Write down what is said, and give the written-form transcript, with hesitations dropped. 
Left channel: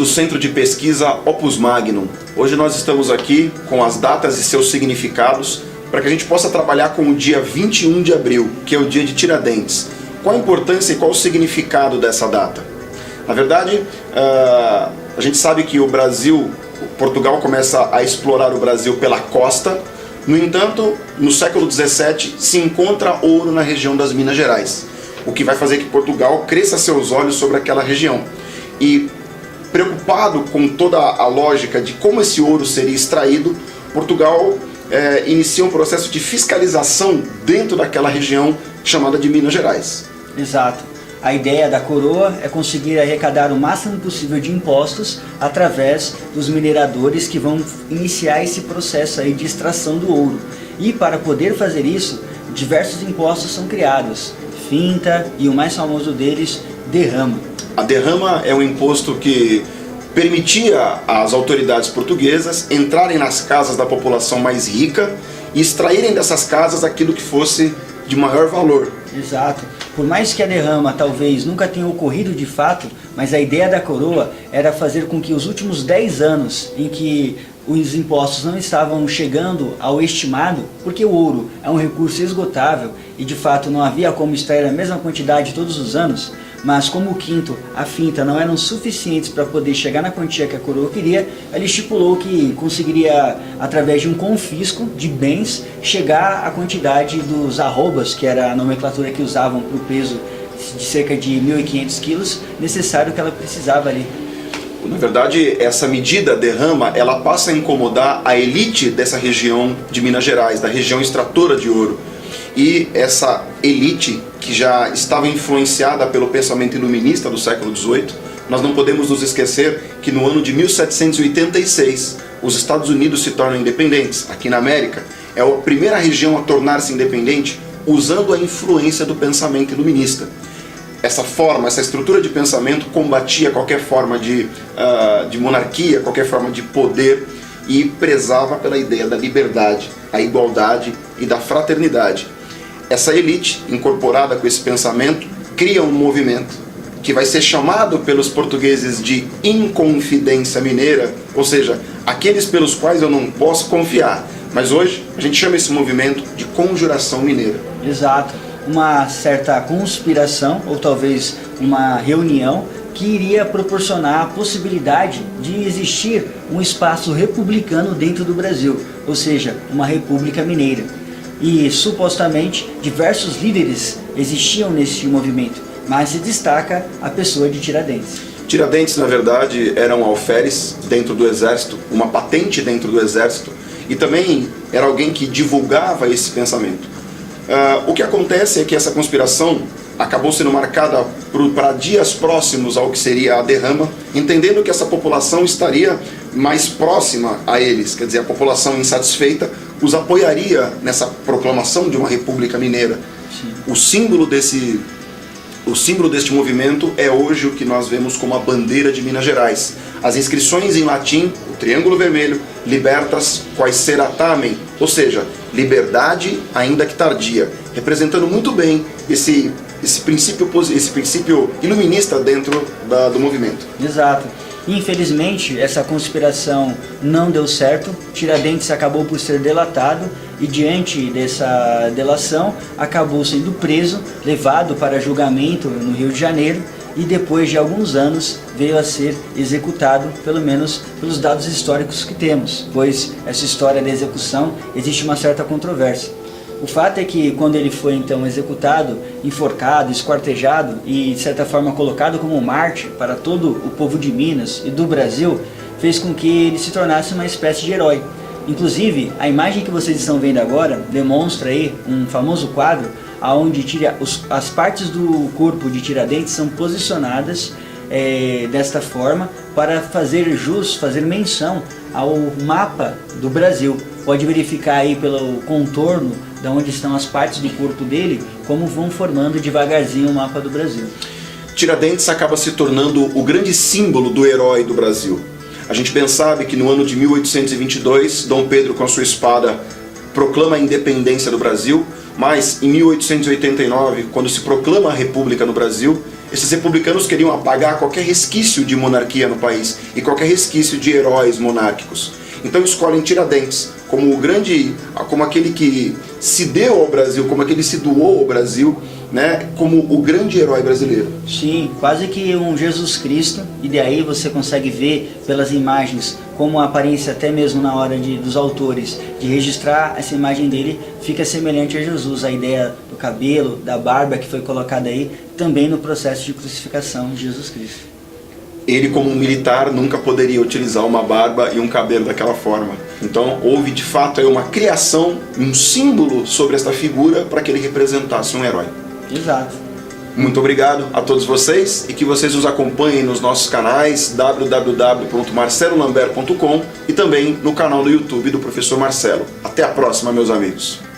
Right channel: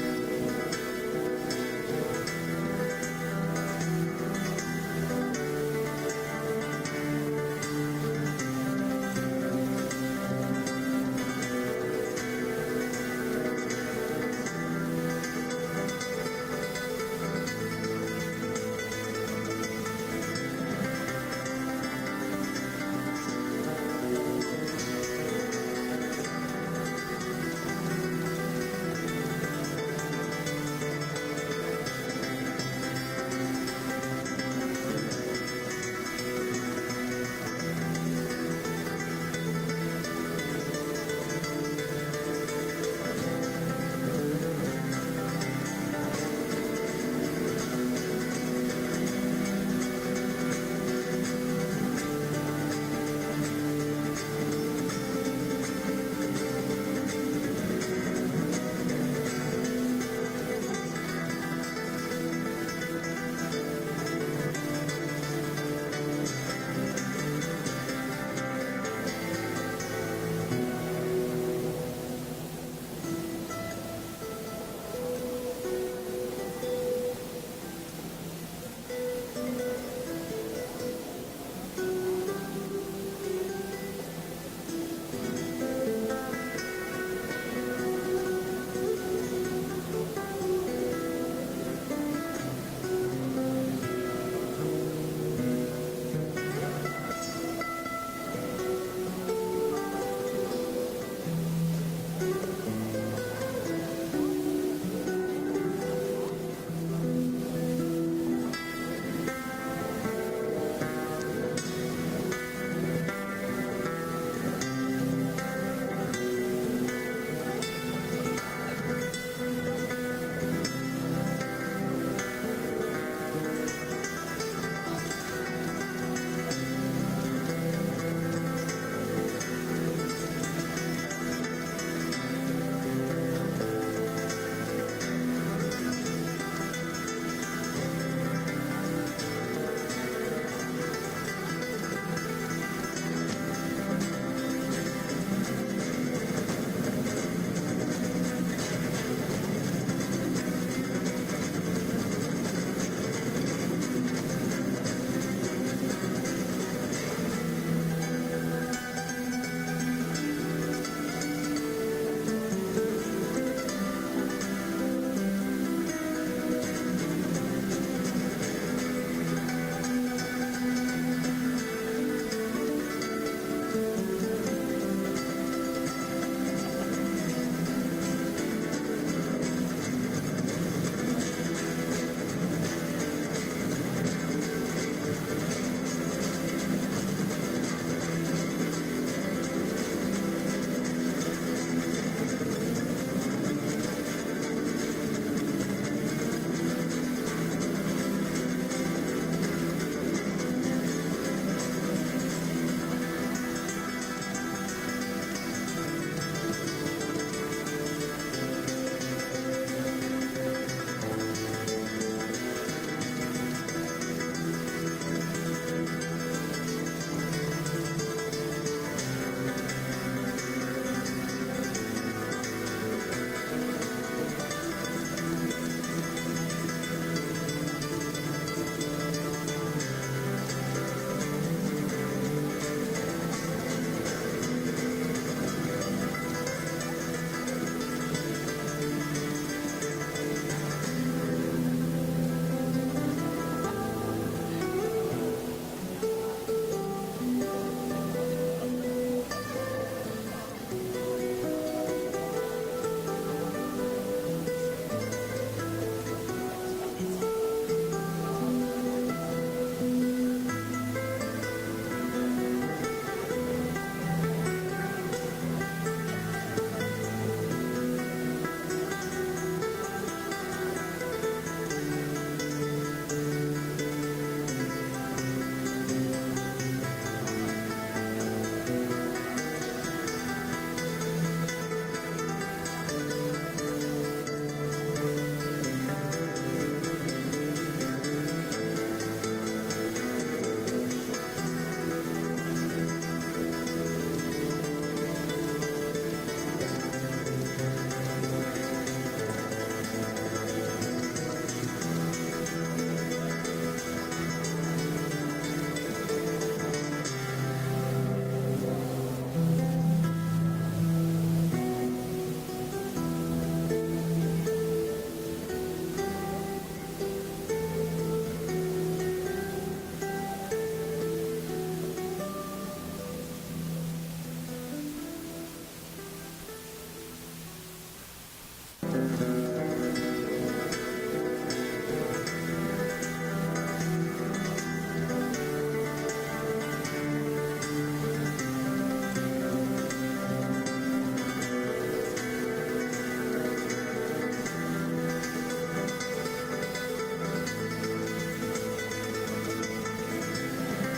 do Centro de Pesquisa Opus Magnum. Hoje nós estamos aqui com as datas e seus significados para que a gente possa trabalhar com o dia 21 de abril, que é o dia de Tiradentes. Qual a importância e qual o significado dessa data? Na verdade, a gente sabe que Portugal começa a explorar o Brasil pela costa. No entanto, no século XVII se encontra ouro na região das Minas Gerais, o que vai fazer que Portugal cresça seus olhos sobre aquela região. E preocupado com toda a lógica de como esse ouro seria extraído, Portugal inicia um processo de fiscalização dentro daquela região chamada de Minas Gerais. Exato. A ideia da coroa é conseguir arrecadar o máximo possível de impostos através dos mineradores que vão iniciar esse processo aí de extração do ouro. E para poder fazer isso, diversos impostos são criados. Finta e o mais famoso deles, derrama. A derrama é um imposto que permitia às autoridades portuguesas entrarem nas casas da população mais rica e extraírem dessas casas aquilo que fosse de maior valor. Exato. Por mais que a derrama talvez nunca tenha ocorrido de fato, mas a ideia da coroa era fazer com que os últimos 10 anos em que os impostos não estavam chegando ao estimado, porque o ouro é um recurso esgotável e de fato não havia como extrair a mesma quantidade todos os anos, mas como o quinto, a finta não eram suficientes para poder chegar na quantia que a coroa queria, ela estipulou que conseguiria, através de um confisco de bens, chegar à quantidade dos arrobas, que era a nomenclatura que usavam para o peso de cerca de 1.500 quilos, necessário que ela precisava ali. Na verdade, essa medida derrama, ela passa a incomodar a elite dessa região de Minas Gerais, da região extratora de ouro. E essa elite, que já estava influenciada pelo pensamento iluminista do século XVIII, nós não podemos nos esquecer que no ano de 1786, os Estados Unidos se tornam independentes. Aqui na América, é a primeira região a tornar-se independente usando a influência do pensamento iluminista. Essa forma, essa estrutura de pensamento combatia qualquer forma de monarquia, qualquer forma de poder e prezava pela ideia da liberdade, a igualdade e da fraternidade. Essa elite, incorporada com esse pensamento, cria um movimento que vai ser chamado pelos portugueses de Inconfidência Mineira, ou seja, aqueles pelos quais eu não posso confiar. Mas hoje a gente chama esse movimento de Conjuração Mineira. Exato. Uma certa conspiração, ou talvez uma reunião, que iria proporcionar a possibilidade de existir um espaço republicano dentro do Brasil, ou seja, uma república mineira. E supostamente diversos líderes existiam nesse movimento, mas se destaca a pessoa de Tiradentes. Tiradentes, na verdade, era um alferes dentro do exército, uma patente dentro do exército, e também era alguém que divulgava esse pensamento. O que acontece é que essa conspiração acabou sendo marcada para dias próximos ao que seria a derrama, entendendo que essa população estaria mais próxima a eles, quer dizer, a população insatisfeita os apoiaria nessa proclamação de uma república mineira. O símbolo deste movimento é hoje o que nós vemos como a bandeira de Minas Gerais. As inscrições em latim, o triângulo vermelho, libertas quae sera tamen, ou seja, liberdade ainda que tardia, representando muito bem esse princípio iluminista dentro do movimento. Exato. Infelizmente, essa conspiração não deu certo, Tiradentes acabou por ser delatado e diante dessa delação acabou sendo preso, levado para julgamento no Rio de Janeiro e depois de alguns anos veio a ser executado, pelo menos pelos dados históricos que temos, pois essa história da execução existe uma certa controvérsia. O fato é que quando ele foi então executado, enforcado, esquartejado e de certa forma colocado como mártir para todo o povo de Minas e do Brasil, fez com que ele se tornasse uma espécie de herói. Inclusive, a imagem que vocês estão vendo agora demonstra aí um famoso quadro onde as partes do corpo de Tiradentes são posicionadas desta forma para fazer jus, fazer menção ao mapa do Brasil. Pode verificar aí pelo contorno de onde estão as partes do corpo dele, como vão formando devagarzinho o mapa do Brasil. Tiradentes acaba se tornando o grande símbolo do herói do Brasil. A gente bem sabe que no ano de 1822, Dom Pedro com a sua espada proclama a independência do Brasil, mas em 1889, quando se proclama a República no Brasil, Esses republicanos queriam apagar qualquer resquício de monarquia no país e qualquer resquício de heróis monárquicos. Então escolhem Tiradentes como o grande, como aquele que se deu ao Brasil, como aquele que se doou ao Brasil, né, como o grande herói brasileiro. Sim, quase que um Jesus Cristo, e daí você consegue ver pelas imagens como a aparência, até mesmo na hora dos autores de registrar essa imagem dele, fica semelhante a Jesus. A ideia do cabelo, da barba que foi colocada aí, também no processo de crucificação de Jesus Cristo. Ele, como um militar, nunca poderia utilizar uma barba e um cabelo daquela forma. Então houve de fato aí uma criação, um símbolo sobre esta figura para que ele representasse um herói. Exato. Muito obrigado a todos vocês e que vocês nos acompanhem nos nossos canais www.marcelolambert.com e também no canal do YouTube do Professor Marcelo. Até a próxima, meus amigos.